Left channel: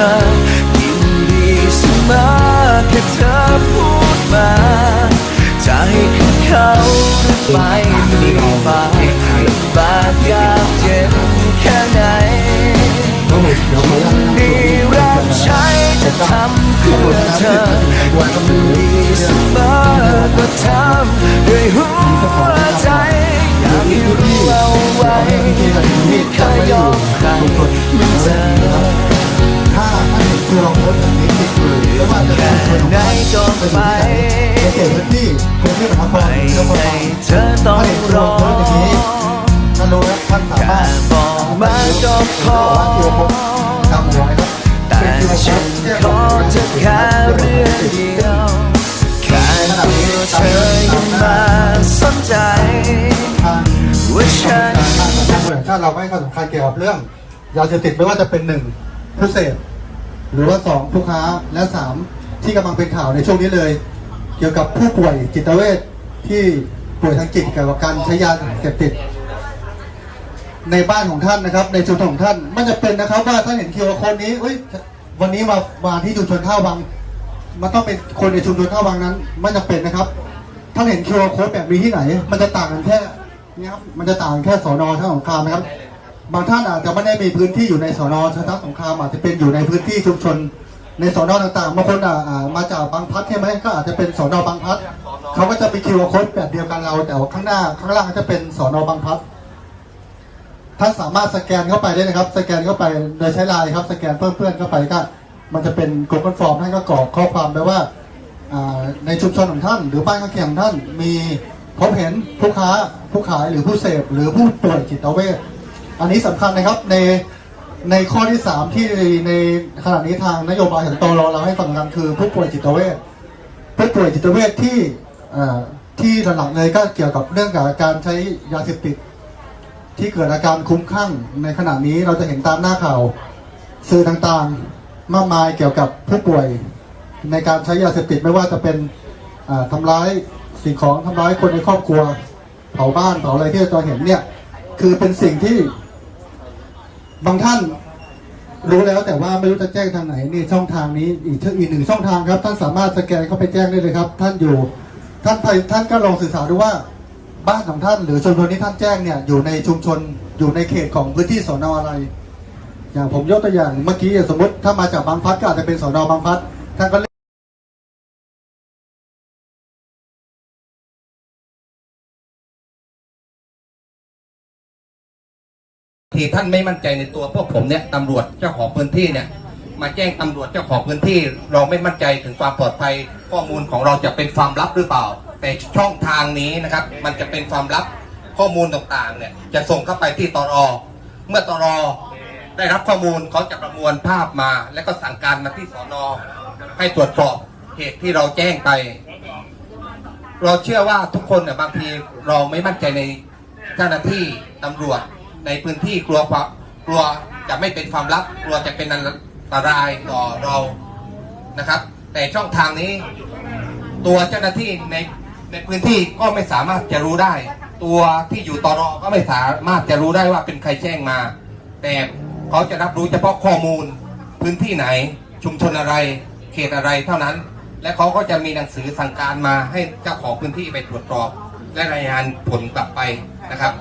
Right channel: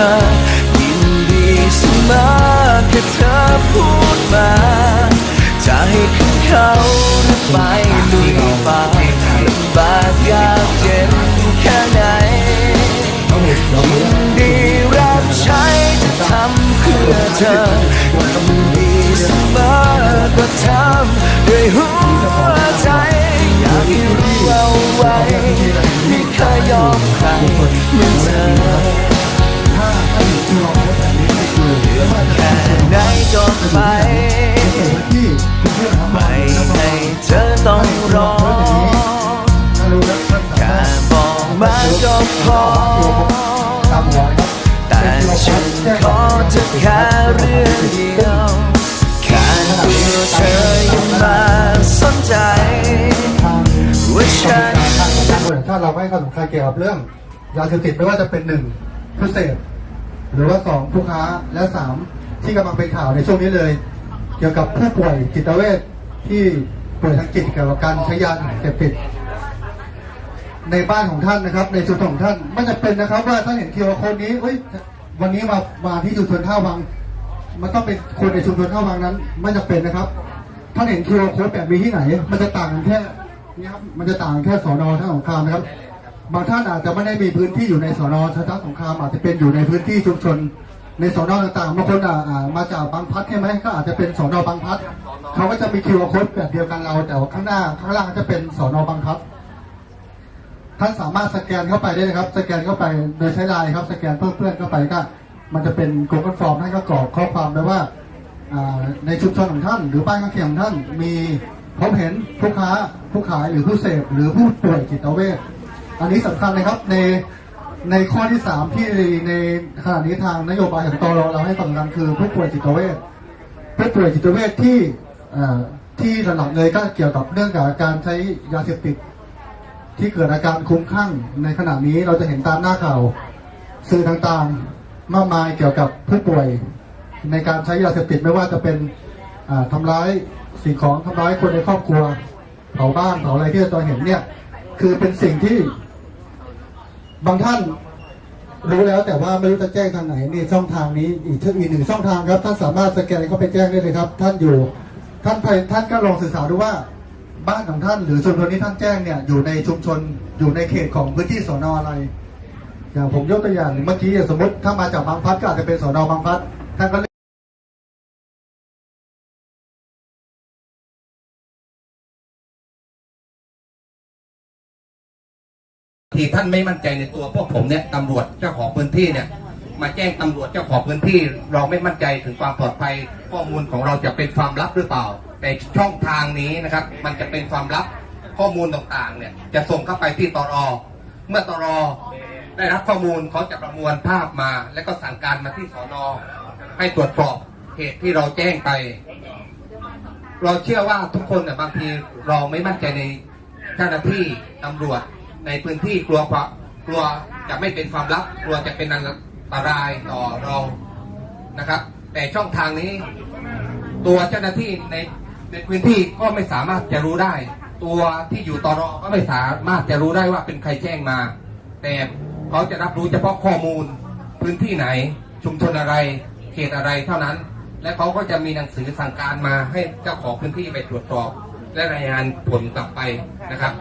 อยินดีเสมอแค่เธอพูดมา จะให้ขึ้นเขาหรือไปลุยป่าลำบากยากเย็นแค่ไหนยินดีรับใช้จะทำเพื่อเธอยินดีเสมอก็ทำด้วยหัวใจ อยากให้รู้เอาไว้ไม่เคยยอมใครมือน ไป ไม่ให้เธอต้องรอแค่บอกมาก็พอ แต่ฉันขอเธอแค่เรื่องเดียวแค่ตัวเธอยังมาสนใจว่าฉันถ้าเราไม่ให้ความสำคัญเกี่ยวกับเรื่องยาเสพติดไม่ว่าจะเป็นหนึ่งผู้เสพหรือว่าสองผู้ค้าและสาม ที่กำลังเป็นข่าวในช่วงนี้เลย เกี่ยวกับผู้ป่วยจิตเวชที่ป่วยทางจิตเกี่ยวกับการใช้ยาเสพติด ในบ้านของท่านนะครับ ในชุมชนของท่านไม่จะเป็นนะครับ ว่าท่านเห็นคิวคนนี้เอ้ยวันนี้มามาที่ชุมชนท่าวัง มันต้องเป็นคนในชุมชนท่าวังนั้นไม่จะเป็นนะครับท่านเห็นคิวโค้ดแบบนี้ที่ไหน มันจะต่างกันแค่นี่ครับมันจะต่างแค่สอนอท่าสงครามนะครับบางท่านอาจจะไม่ได้มีพื้นที่อยู่ในสอนอท่าสงครามอาจจะเป็นอยู่ในพื้นที่ชุมชน ในสอนอต่างๆบางคนอะมาจากบางพัดใช่ไหมก็อาจจะเป็นสอนอบางพัดเขาก็จะมีคิวร์โค้ดแบบเดียวกันเราแต่ข้างหน้าข้างล่างจะเป็นสอนอบางพัดท่านสามารถสแกนเข้าไปได้เลยครับ สแกนเข้าไปโดยใช้ไลน์ครับ สแกนเพื่อนๆเข้าไปก็มันจะเป็น Google Form ให้ก็กรอกข้อความไปว่าในชุมชนของท่าน หรือบ้านข้างเคียงของท่านมีพบเห็นผู้ค้าผู้ขายหรือผู้เสพหรือผู้ป่วยจิตเวชอันนี้สำคัญนะครับใน ในข้อที่สามที่ในขณะนี้ทางนโยบายของตรเราให้สำคัญคือผู้ป่วยจิตเวชผู้ป่วยจิตเวชที่ที่หลักๆเลยก็เกี่ยวกับเรื่องกับการใช้ยาเสพติด ที่เกิดอาการคุ้มคลั่งในขณะนี้เราจะเห็นตามหน้าข่าวสื่อต่างๆมากมายเกี่ยวกับผู้ป่วยในการใช้ยาเสพติดไม่ว่าจะเป็นอ่าทำร้ายสิ่งของทำร้ายคนในครอบครัวเผาบ้านเผาอะไรที่เราเห็นเนี่ยคือเป็นสิ่งที่ บางท่านรู้แล้วแต่ว่าไม่รู้จะแจ้งทางไหนนี่ช่องทางนี้อีกอีกหนึ่งช่องทางครับ ท่านสามารถสแกนเข้าไปแจ้งได้เลยครับ ท่านอยู่ ท่านไปท่านก็ลองสื่อสารดูว่าบ้านของท่านหรือชุมชนที่ท่านแจ้งเนี่ยอยู่ในชุมชนอยู่ในเขตของพื้นที่สอนออะไร อย่างผมยกตัวอย่างเมื่อกี้สมมติถ้ามาจากบางพัดก็อาจจะเป็นสอนอบางพัดท่านก็ ที่ท่านไม่มั่นใจในตัวพวกผมเนี่ยตำรวจเจ้าของพื้นที่เนี่ย มาแจ้งตำรวจเจ้าของพื้นที่เราไม่มั่นใจถึงความปลอดภัยข้อมูลของเราจะเป็นความลับหรือเปล่า แต่ช่องทางนี้นะครับ มันจะเป็นความลับข้อมูลต่างๆเนี่ยจะส่งเข้าไปที่ตรอเมื่อตรอได้รับข้อมูลเขาจะประมวลภาพมา แล้วก็สั่งการมาที่สอนอให้ตรวจสอบเหตุที่เราแจ้งไป เราเชื่อว่าทุกคนเนี่ยบางทีเราไม่มั่นใจในเจ้าหน้าที่ตำรวจ ในพื้นที่กลัวความกลัวจะไม่เป็นความลับกลัวจะเป็นอันตรายต่อเรานะครับ แต่ช่องทางนี้ตัวเจ้าหน้าที่ในในพื้นที่ก็ไม่สามารถจะรู้ได้ ตัวที่อยู่ตรอก็ไม่สามารถจะรู้ได้ว่าเป็นใครแจ้งมา แต่เขาจะรับรู้เฉพาะข้อมูลพื้นที่ไหนชุมชนอะไร เขตอะไรเท่านั้น และเขาก็จะมีหนังสือสั่งการมาให้เจ้าของพื้นที่ไปตรวจสอบและรายงานผลกลับไปนะครับ